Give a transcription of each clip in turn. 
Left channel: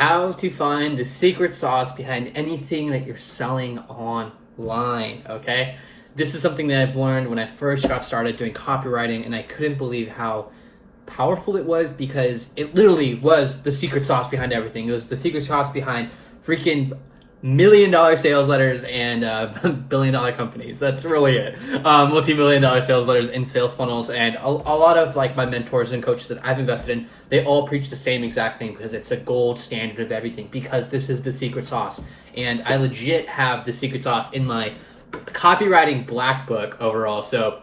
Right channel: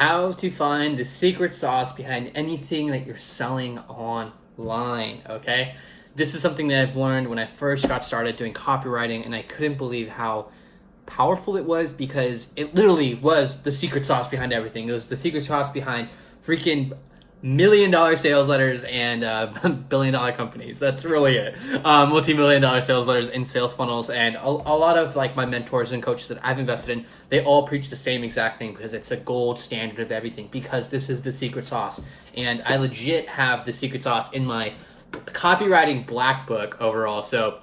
how to find the secret sauce behind anything that you're selling online, okay? This is something that I've learned when I first got started doing copywriting, and I couldn't believe how powerful it was because it literally was the secret sauce behind everything. It was the secret sauce behind freaking $1 million sales letters and $1 billion companies. That's really it. Multi-million-dollar sales letters and sales funnels, and a lot of like my mentors and coaches that I've invested in, they all preach the same exact thing because it's a gold standard of everything. Because this is the secret sauce, and I legit have the secret sauce in my copywriting black book overall. So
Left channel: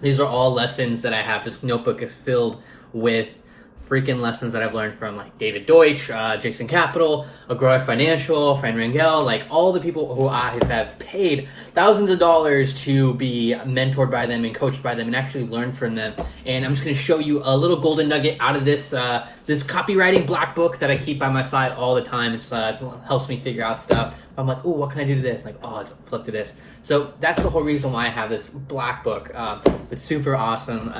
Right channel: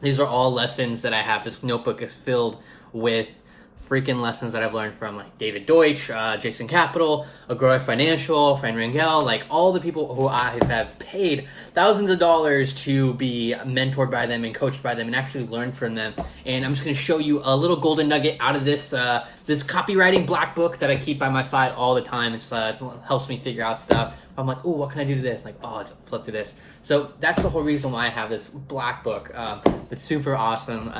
these are all lessons that I have. This notebook is filled with freaking lessons that I've learned from like David Deutsch, Jason Capital, Agora Financial, Fran Rangel, like all the people who I have paid thousands of dollars to be mentored by them and coached by them and actually learn from them. And I'm just going to show you a little golden nugget out of this this copywriting black book that I keep by my side all the time. It helps me figure out stuff. I'm like, oh, what can I do to this? Like, oh, let's flip to this. So that's the whole reason why I have this black book. It's super awesome.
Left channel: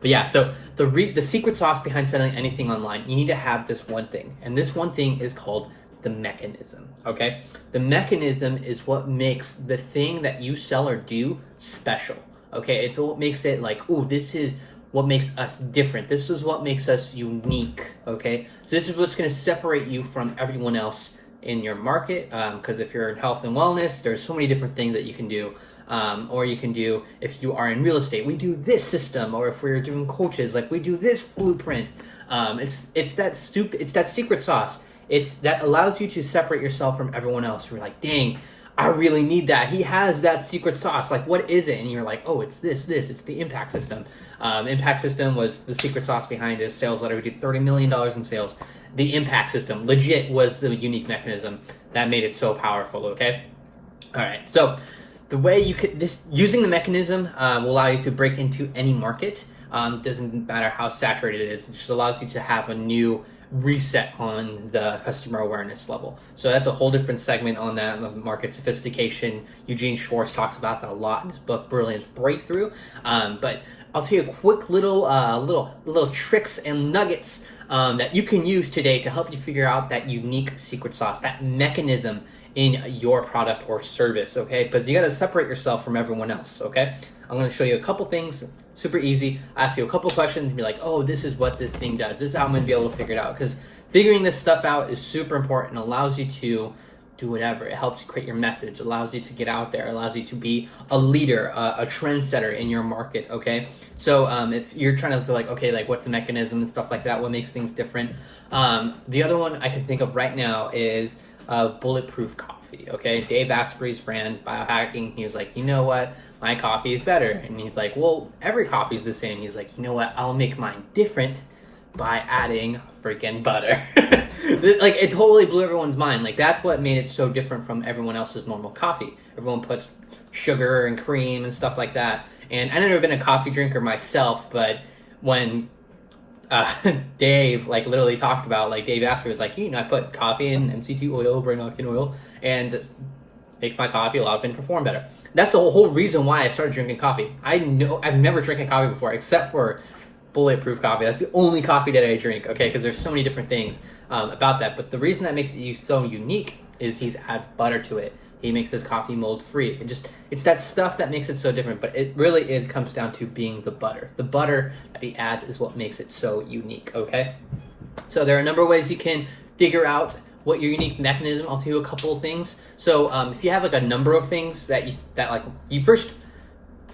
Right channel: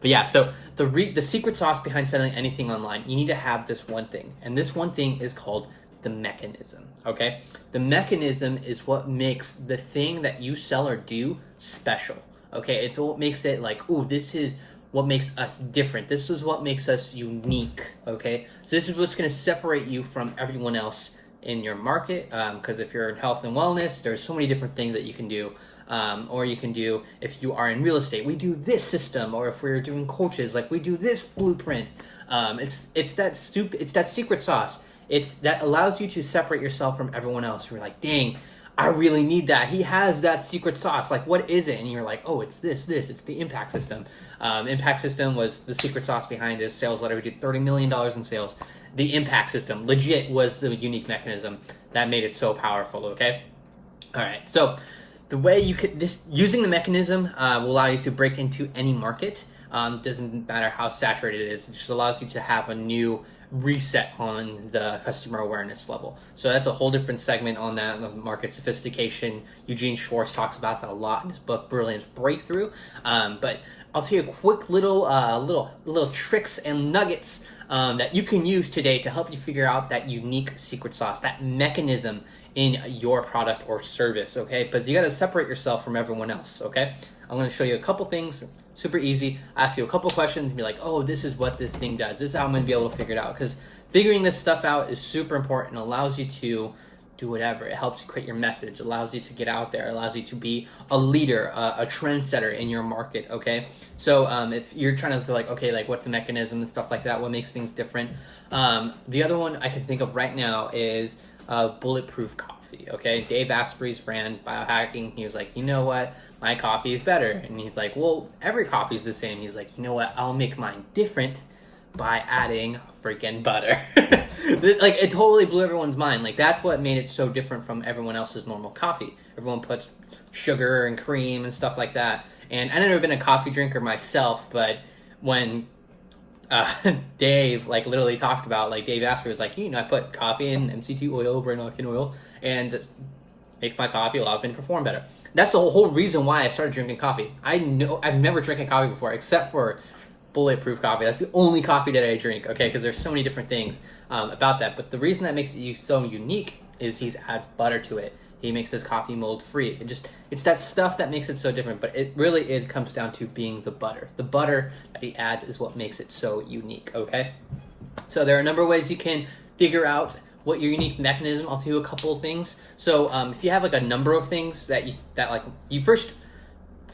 But yeah, so the secret sauce behind selling anything online, you need to have this one thing. And this one thing is called the mechanism, okay? The mechanism is what makes the thing that you sell or do special, okay? It's what makes it like, oh, this is what makes us different. This is what makes us unique, okay? So this is what's going to separate you from everyone else in your market, because if you're in health and wellness, there's so many different things that you can do. Or you can do, if you are in real estate, we do this system, or if we're doing coaches, like we do this blueprint. It's that secret sauce. It's that allows you to separate yourself from everyone else. You're like, dang, I really need that. He has that secret sauce. Like, what is it? And you're like, oh, it's this. It's the impact system. Impact system was the secret sauce behind his sales letter. We did $30 million in sales. The impact system legit was the unique mechanism that made it so powerful. Okay. All right. So the way you could using the mechanism will allow you to break into any market. Doesn't matter how saturated it is. It just allows you to have a new reset on the customer awareness level. So that's a whole different segment on that, on market sophistication. Eugene Schwartz talks about that a lot in his book Brilliance Breakthrough. But I'll tell you a quick little tricks and nuggets that you can use today to help you figure out that unique secret sauce, that mechanism in your product or service, okay? Because you got to separate yourself from everyone else, okay? I'm going to show you a couple things, super easy. I ask you a couple questions and be like, oh, this is what this thing does. This is how I'm going to be able to figure it out. Because figuring this stuff out is super important. It allows you to do whatever. It helps you create your message. It allows you to get out there. It allows you to be a leader, a trendsetter in your market, okay? So if you're trying to feel like, okay, like what's the mechanism and stuff like that, what makes things different? The other one I can think of right now is Bulletproof Coffee, okay? Dave Asprey's brand, Biohacking, he was like, you know what? My coffee is better. And he's like, well, every coffee is the same. He's like, you know what? I'll make mine different by adding freaking butter. Like, it totally blew everyone's mind. Like, that's what made it so different from everyone else's normal coffee. Everyone puts sugar and cream and stuff like that. And I've never been a coffee drinker myself, but when Dave like literally talked about, like, Dave Asprey was like, you know, I put coffee in MCT oil, brain octane oil, and it makes my coffee, allows me to perform better. That's the whole reason why I started drinking coffee. I've never drinking coffee before except for Bulletproof coffee. That's the only coffee that I drink, okay? Because there's so many different things about that. But the reason that makes it so unique is he adds butter to it. He makes his coffee mold free. It's that stuff that makes it so different. But it comes down to being the butter. The butter that he adds is what makes it so unique, okay? So there are a number of ways you can figure out what your unique mechanism. I'll tell you a couple of things. So if you have like a number of things that you first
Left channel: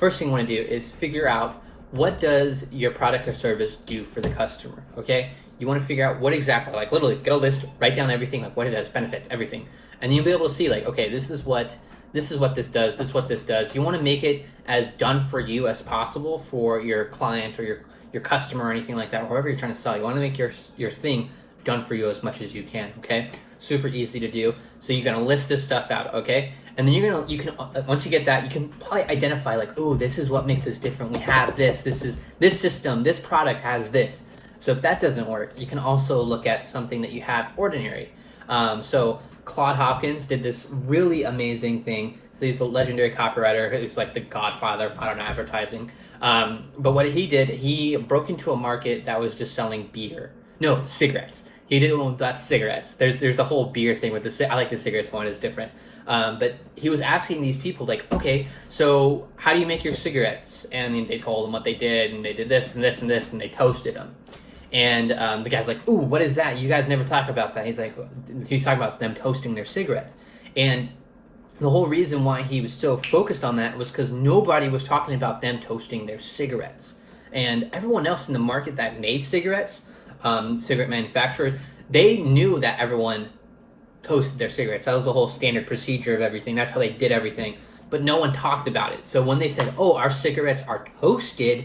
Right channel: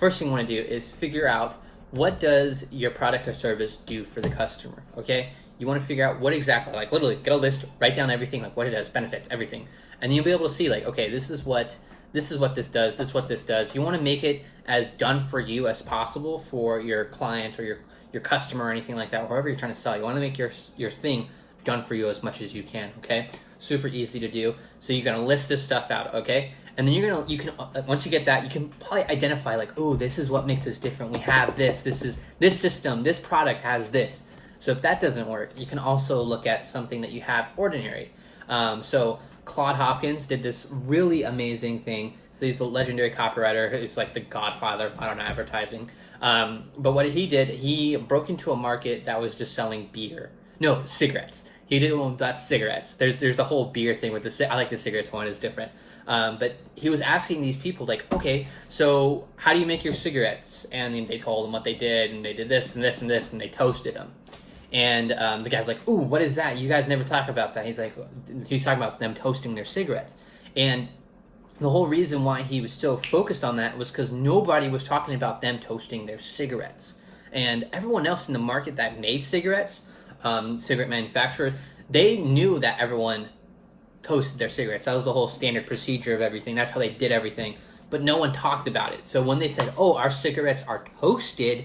thing you want to do is figure out, what does your product or service do for the customer, okay? You want to figure out what exactly, like literally get a list, write down everything, like what it does, benefits, everything. And you'll be able to see like, okay, this is what this does, this is what this does. You want to make it as done for you as possible for your client or your customer or anything like that, or whoever you're trying to sell. You want to make your thing done for you as much as you can, okay? Super easy to do. So you're going to list this stuff out, okay? And then you can once you get that, you can probably identify like, oh, this is what makes us different. We have this is this system, this product has this. So if that doesn't work, you can also look at something that you have ordinary. So Claude Hopkins did this really amazing thing. So he's a legendary copywriter. He's like the godfather of modern advertising. But what he did, he broke into a market that was just selling cigarettes. He did one about cigarettes. There's a whole beer thing with I like the cigarettes one, is different. But he was asking these people like, okay, so how do you make your cigarettes? And they told him what they did, and they did this and this and this, and they toasted them. And the guy's like, ooh, what is that? You guys never talk about that. He's talking about them toasting their cigarettes. And the whole reason why he was still focused on that was because nobody was talking about them toasting their cigarettes. And everyone else in the market that made cigarettes, cigarette manufacturers, they knew that everyone toasted their cigarettes. That was the whole standard procedure of everything. That's how they did everything. But no one talked about it. So when they said, oh, our cigarettes are toasted,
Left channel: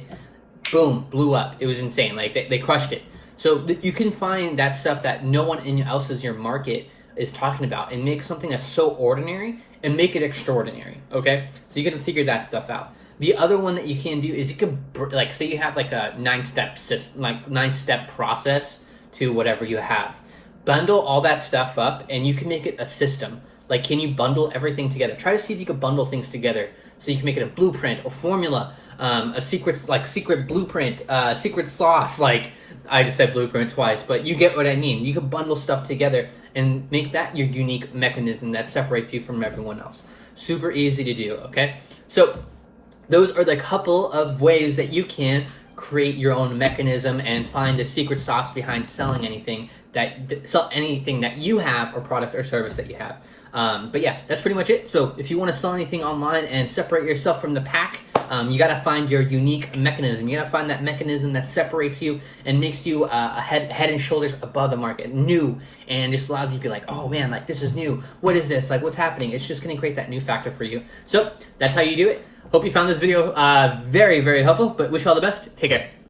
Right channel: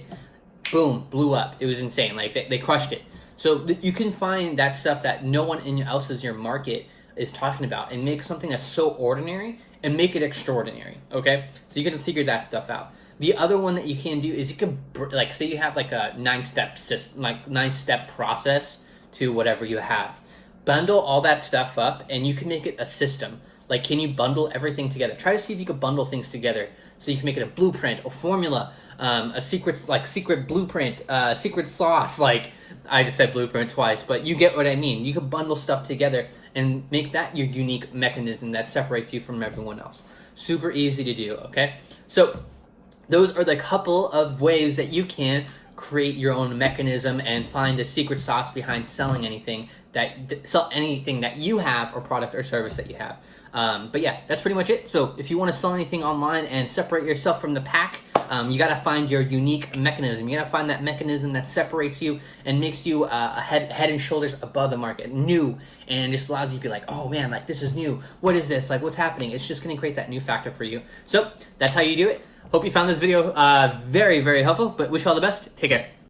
boom, blew up. It was insane. Like, they crushed it. So you can find that stuff that no one else in your market is talking about and make something that's so ordinary and make it extraordinary, okay? So you can figure that stuff out. The other one that you can do is you can, like, say you have like a 9-step system, like 9-step process to whatever you have. Bundle all that stuff up and you can make it a system. Like, can you bundle everything together? Try to see if you can bundle things together so you can make it a blueprint, a formula, a secret blueprint, secret sauce. Like, I just said blueprint twice, but you get what I mean. You can bundle stuff together and make that your unique mechanism that separates you from everyone else. Super easy to do, okay? So those are the couple of ways that you can create your own mechanism and find the secret sauce behind selling anything that you have, or product or service that you have. But yeah, that's pretty much it. So if you want to sell anything online and separate yourself from the pack, you got to find your unique mechanism. You got to find that mechanism that separates you and makes you head and shoulders above the market, new, and just allows you to be like, oh man, like, this is new. What is this? Like, what's happening? It's just going to create that new factor for you. So that's how you do it. Hope you found this video very, very helpful, but wish you all the best. Take care.